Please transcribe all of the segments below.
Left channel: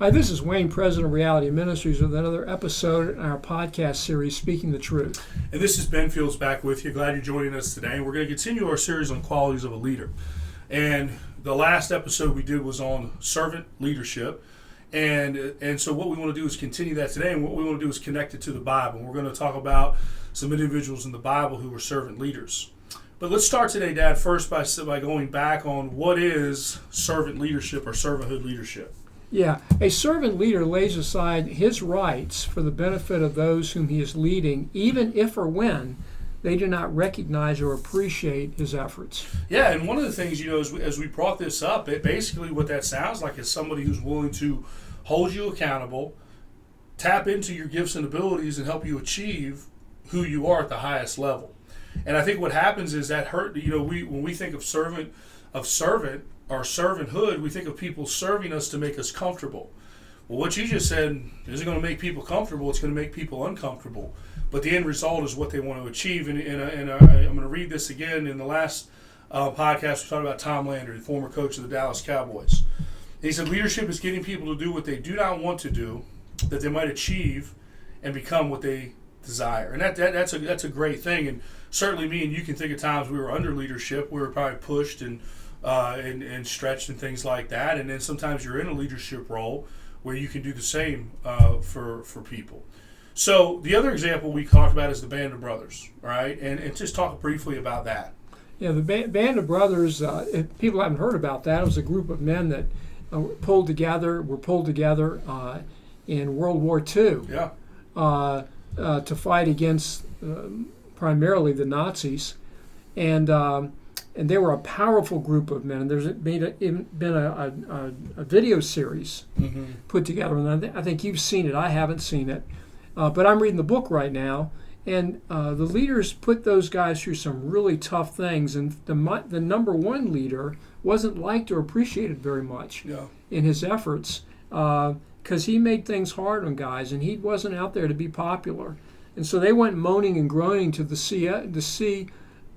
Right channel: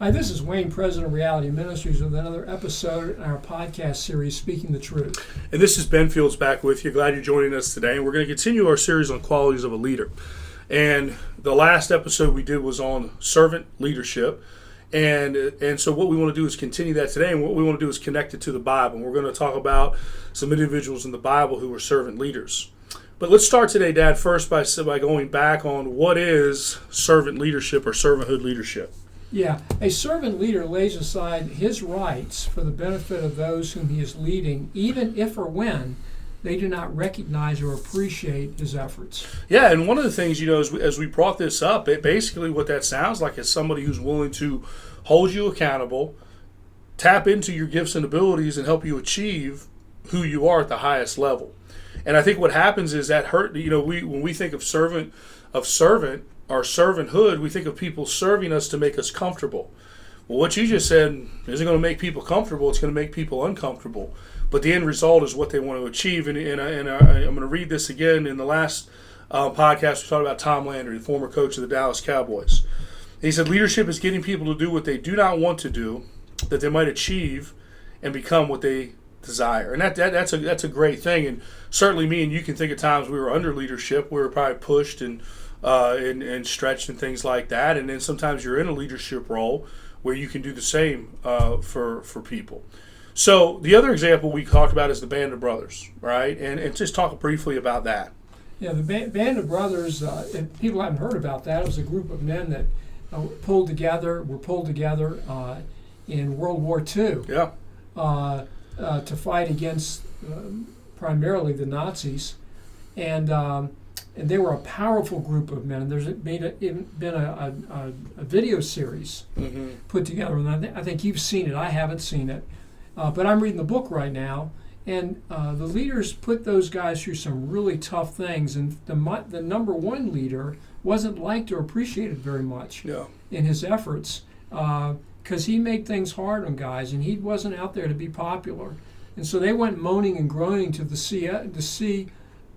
Hi, this is Wayne, President of Reality Ministries, with another episode in our podcast series, Speaking the Truth. And this is Ben Fields back with you. Glad you're joining us today. We're going to continue our series on qualities of a leader. And the last episode we did was on servant leadership. And so what we want to do is continue that today. And what we want to do is connect it to the Bible. And we're going to talk about some individuals in the Bible who were servant leaders. But let's start today, Dad, first by going back on what is servant leadership or servanthood leadership. Yeah, a servant leader lays aside his rights for the benefit of those whom he is leading, even if or when they do not recognize or appreciate his efforts. Yeah, and one of the things, as we brought this up, basically what that sounds like is somebody who's willing to hold you accountable, tap into your gifts and abilities, and help you achieve who you are at the highest level. And I think what happens is that when we think of servant or servanthood, we think of people serving us to make us comfortable. Well, what you just said isn't going to make people comfortable, it's going to make people uncomfortable. But the end result is what they want to achieve. And I'm going to read this again. In the last podcast, we talked about Tom Landry, the former coach of the Dallas Cowboys. He said, leadership is getting people to do what they do not want to do, that they might achieve and become what they desire. And that's a great thing. And certainly me and you can think of times we were under leadership, we were probably pushed and stretched and things like that. And then sometimes you're in a leadership role where you can do the same for people. So the other example we talked about is the Band of Brothers, right? And just talk briefly about that. Yeah, the Band of Brothers, if people haven't heard about that, it was a group of men that were pulled together in World War II to fight against primarily the Nazis. And they were a powerful group of men. There's been a video series put together, and I think you've seen it. I haven't seen it, but I'm reading the book right now. And the leaders put those guys through some really tough things. And the number one leader wasn't liked or appreciated very much in his efforts because he made things hard on guys, and he wasn't out there to be popular. And so they went moaning and groaning to the COO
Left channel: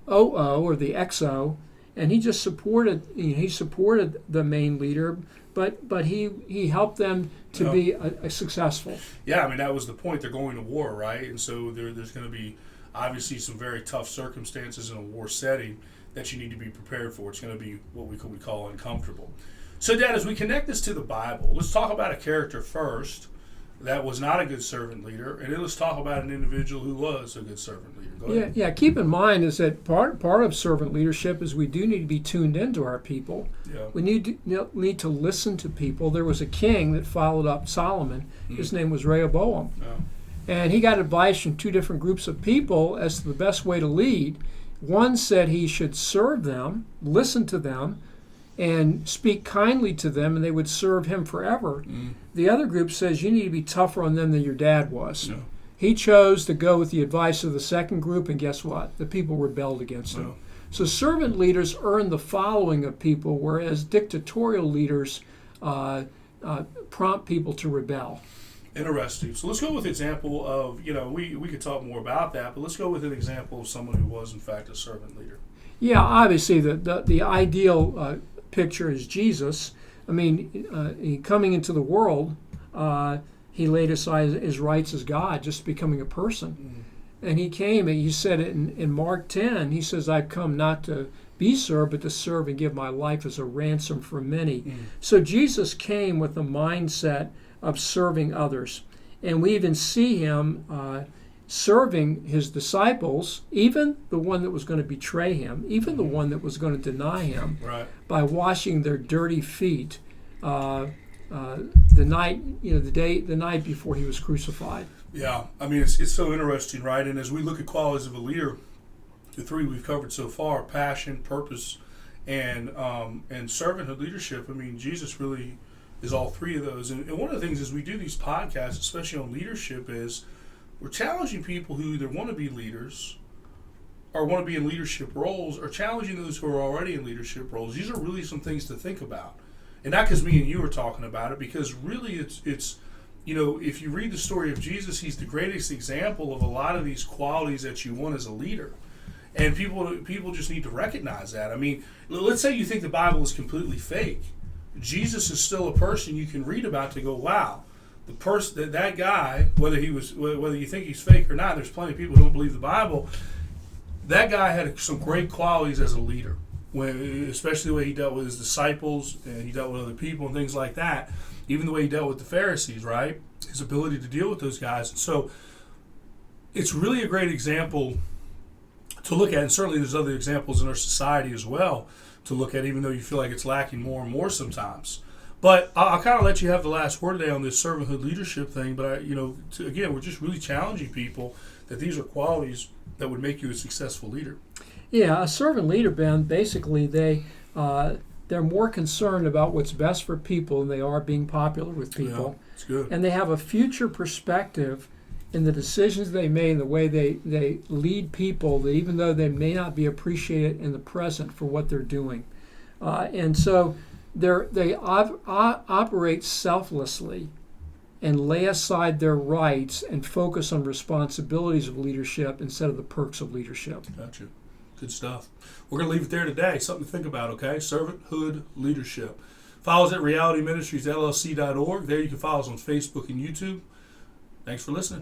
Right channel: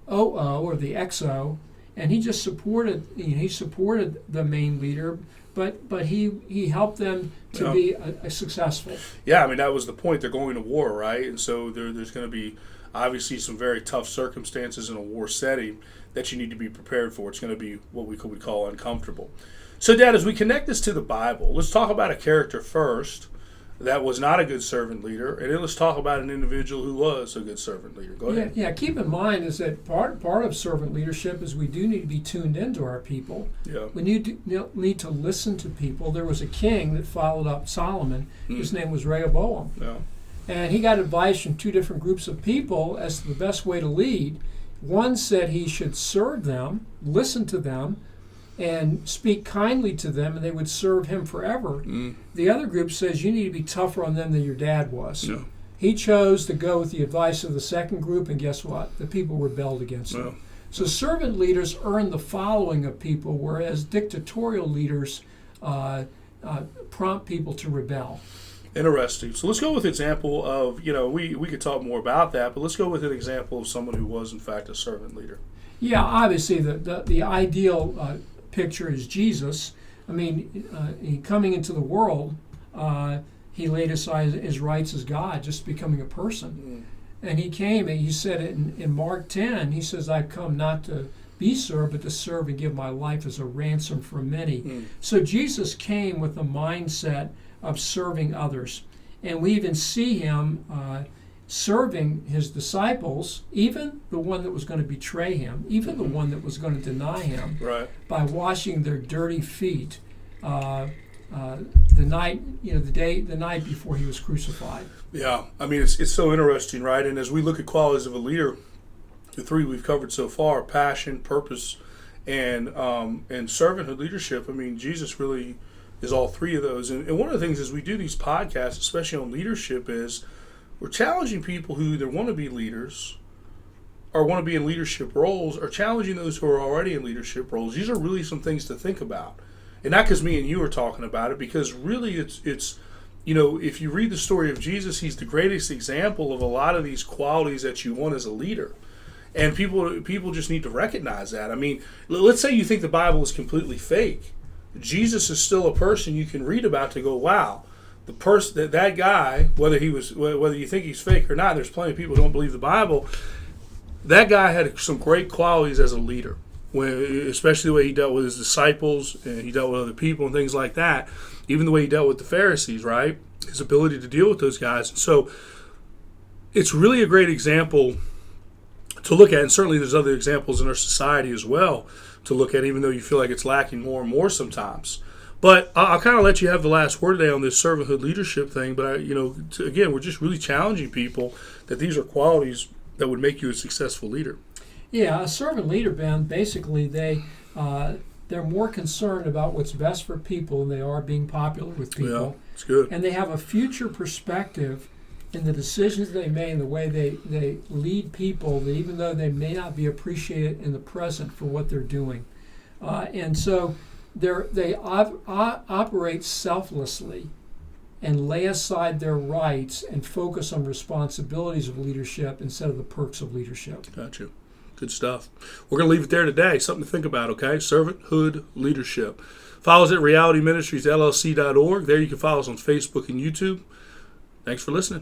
or the XO, and he just supported. He supported the main leader, but he helped them to be successful. Yeah, I mean that was the point. They're going to war, right? And so there's going to be obviously some very tough circumstances in a war setting that you need to be prepared for. It's going to be what we could call uncomfortable. So, Dad, as we connect this to the Bible, let's talk about a character first that was not a good servant leader, and then let's talk about an individual who was a good servant leader. Go ahead. Yeah. Keep in mind is that part of servant leadership is we do need to be tuned into our people. Yeah. We need to listen to people. There was a king that followed up Solomon. His name was Rehoboam, and he got advice from two different groups of people as to the best way to lead. One said he should serve them, listen to them, and speak kindly to them, and they would serve him forever. The other group says you need to be tougher on them than your dad was. No. He chose to go with the advice of the second group, and guess what? The people rebelled against him. So servant leaders earn the following of people, whereas dictatorial leaders prompt people to rebel. Interesting. So let's go with an example of, we could talk more about that, but let's go with an example of someone who was, in fact, a servant leader. Yeah, obviously the ideal picture is Jesus. I mean, coming into the world, he laid aside his rights as God, just becoming a person. And he came, and he said it in Mark 10, he says, I've come not to be served, but to serve and give my life as a ransom for many. So Jesus came with the mindset of serving others. And we even see him serving his disciples, even the one that was going to betray him, even the one that was going to deny him, by washing their dirty feet the night before he was crucified. Yeah, I mean it's so interesting, right? And as we look at qualities of a leader, the three we've covered so far: passion, purpose, and servanthood leadership. I mean, Jesus really is all three of those. And one of the things as we do these podcasts, especially on leadership, is we're challenging people who either want to be leaders or want to be in leadership roles, or challenging those who are already in leadership roles. These are really some things to think about. And not because me and you are talking about it, because really it's if you read the story of Jesus, he's the greatest example of a lot of these qualities that you want as a leader. And people just need to recognize that. I mean, let's say you think the Bible is completely fake. Jesus is still a person you can read about to go, wow, the person that guy, whether you think he's fake or not, there's plenty of people who don't believe the Bible. That guy had some great qualities as a leader, especially the way he dealt with his disciples and he dealt with other people and things like that. Even the way he dealt with the Pharisees, right? His ability to deal with those guys. So it's really a great example to look at, and certainly there's other examples in our society as well to look at, even though you feel like it's lacking more and more sometimes. But I'll kind of let you have the last word today on this servanthood leadership thing. But again, we're just really challenging people that these are qualities that would make you a successful leader. Yeah, a servant leader, Ben, basically they're more concerned about what's best for people than they are being popular with people. Yeah, it's good. And they have a future perspective in the decisions they make, the way they lead people, that even though they may not be appreciated in the present for what they're doing. And so they operate selflessly and lay aside their rights and focus on responsibilities of leadership instead of the perks of leadership. Got you. Good stuff. We're going to leave it there today. Something to think about, okay? Servanthood leadership. Follow us at realityministriesllc.org. There you can follow us on Facebook and YouTube. Thanks for listening.